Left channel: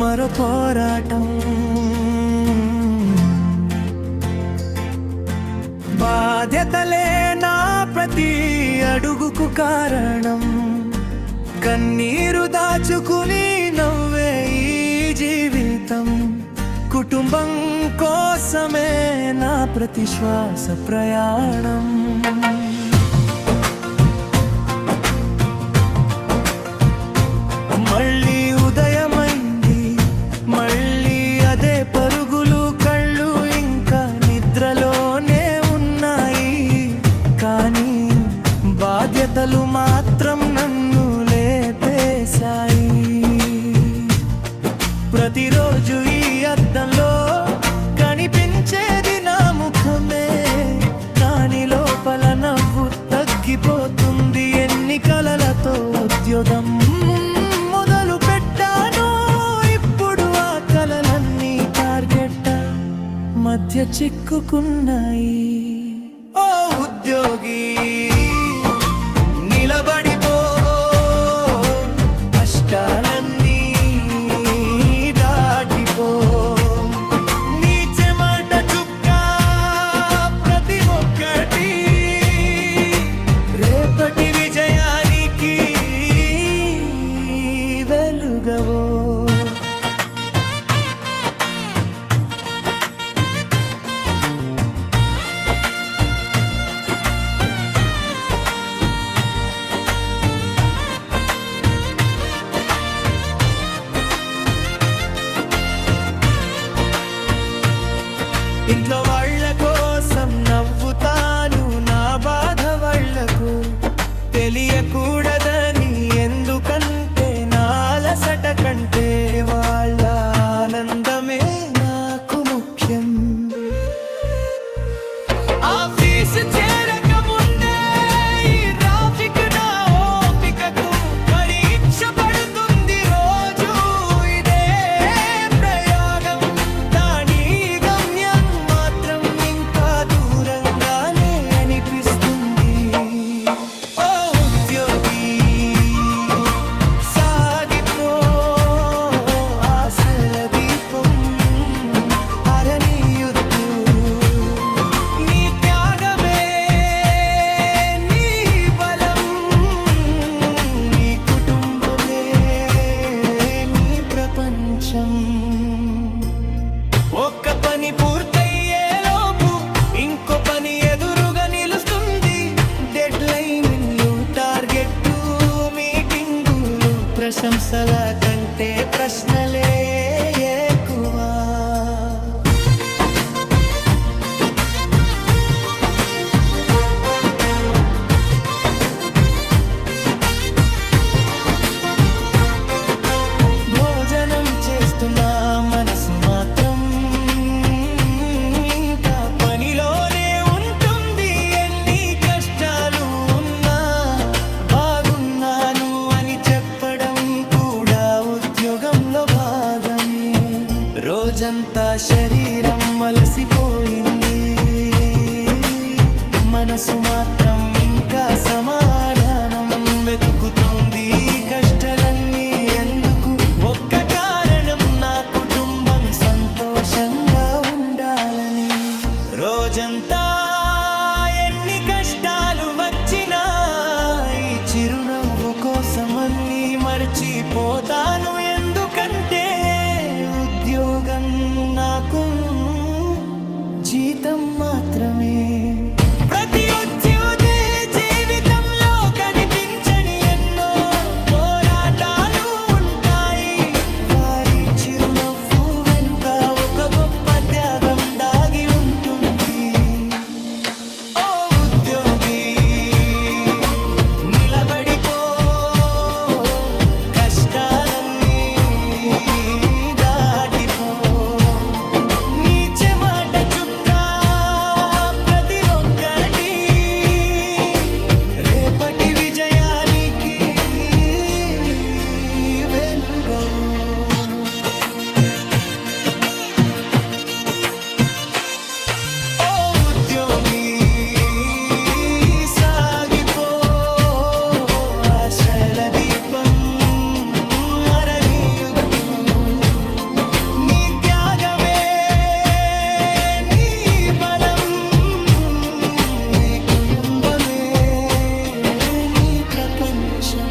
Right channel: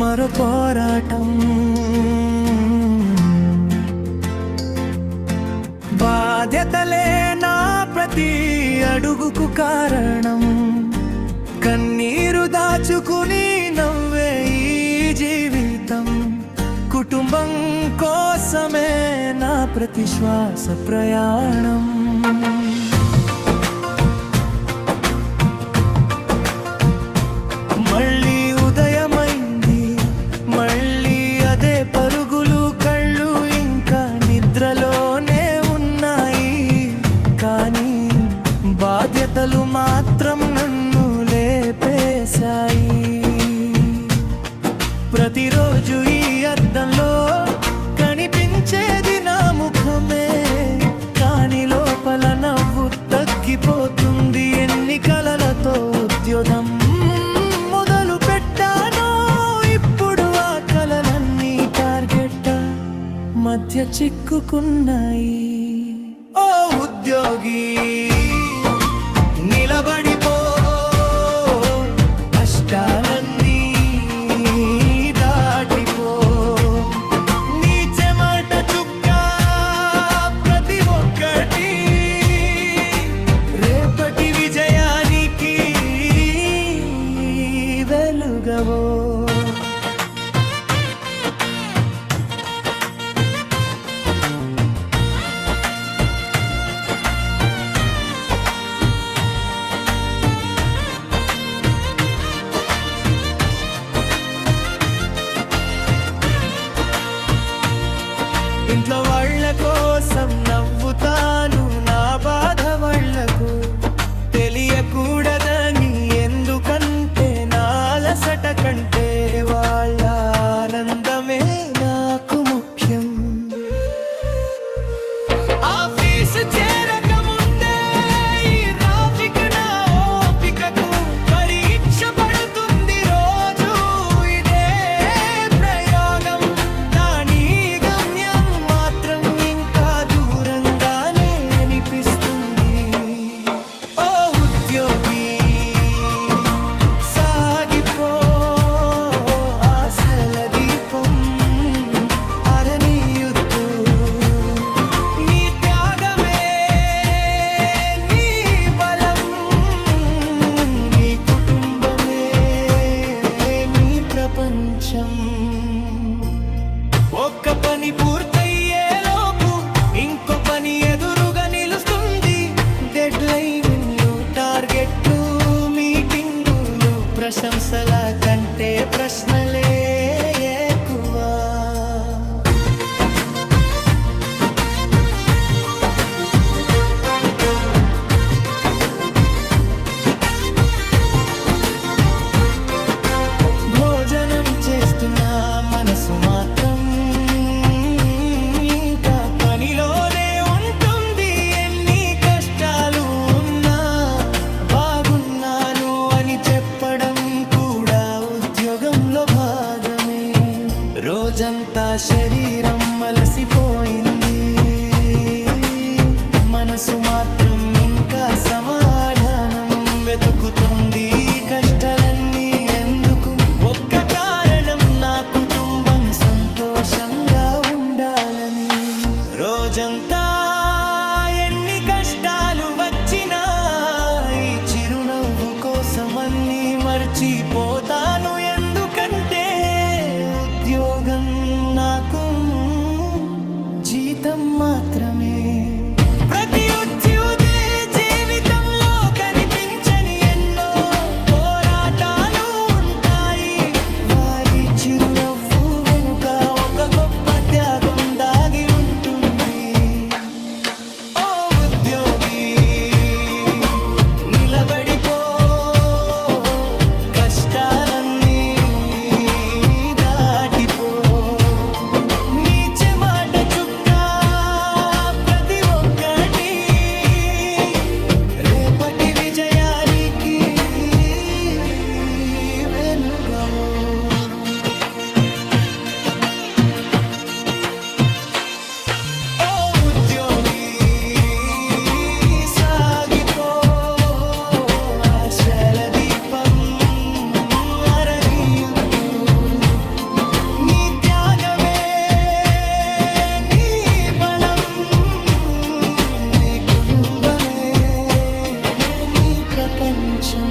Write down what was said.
మరో పోరాటం. బాధ్యతలే నా ప్రతి అడుగుకు కారణం. కన్నీరు దాచుకుని నవ్వే ఈ జీవితం. కుటుంబం కోసమే నా ప్రతి శ్వాస ప్రయాణం. మళ్ళీ ఉదయమైంది, మళ్ళీ అదే పరుగులు. కళ్ళు ఇంకా నిద్రలోనే ఉన్నాయి, కానీ బాధ్యతలు మాత్రం నన్ను లేపేశాయి. ప్రతిరోజు ఈ అద్దంలో కనిపించేది నా ముఖమే, కానీ లోపల నవ్వు తగ్గిపోతుంది. ఎన్ని కలలతో ఉద్యోగం మొదలు పెట్టాను, ఇప్పుడు ఆ కలలన్నీ టార్గెట్ మధ్య చిక్కుకున్నాయి. ఓ ఉద్యోగి, నిలబడిపో, కష్టాలన్నీ దాటిపో. నీ చెమట చుక్క ప్రతి ఒక్కటి రేపటి విజయానికి వెలుగవో. ఇంట్లో వాళ్ళ కోసం నవ్వుతాను, నా బాధ వాళ్ళకు తెలియకూడదని. ఎందుకంటే నా అలసట కంటే వాళ్ళ ఆనందమే నాకు ముఖ్యం. ఆఫీసు చేరక ముందే ఈ ట్రాఫిక్ నా ఓపికకు పరీక్ష పడుతుంది రోజు. ఇదే ప్రయోగం, దాని గమ్యం మాత్రం ఇంకా దూరంగానే అనిపిస్తుంది. ఓ ఉద్యోగి, సాగిపో, ఆశల దీపం అరణియుద్దు. నీ త్యాగమే నీ బలం, నీ కుటుంబమే నీ ప్రపంచం. ఒక్క పని పూర్తయ్యేలోపు ఇంకో పని ఎదురుగా నిలుస్తుంది. డెడ్ లైన్లు, టార్గెట్లు, మీటింగులు, ప్రశంసల కంటే ప్రశ్నలే ఎక్కువ. భోజనం చేస్తున్నా మనసు మాత్రం ఇంకా పనిలోనే ఉంటుంది. ఎన్ని కష్టాలు ఉన్నా బాగున్నాను అని చెప్పడం కూడా ఉద్యోగంలో భాగమే. రోజంతా శరీరం అలసిపోయింది, మనసు మాత్రం ఇంకా సమాధానం వెతుకుతుంది. కష్టాలన్నీ ఎందుకు? ఒక్క కారణం, నా కుటుంబం సంతోషంగా ఉండాలని. రోజంతా ఎన్ని కష్టాలు వచ్చినా ఈ చిరునవ్వు కోసం అన్నీ మర్చిపోతాను. ఎందుకంటే ఉద్యోగం నాకు జీతం మాత్రమే. ప్రతి ఉద్యోగి జీవితంలో కనిపించని ఎన్నో పోరాటాలు ఉంటాయి. వారి చిరునవ్వు వెనుక ఒక గొప్ప త్యాగం దాగి ఉంటుంది. ఓ ఉద్యోగి, నిలబడిపో, కష్టాలన్నీ దాటిపో. నీ చెమట చుక్క ప్రతి ఒక్కటి రేపటి విజయానికి వెలుగవో. ఓ ఉద్యోగి, సాగిపో, ఆశల దీపం అరణియుద్దు. ప్రపంచం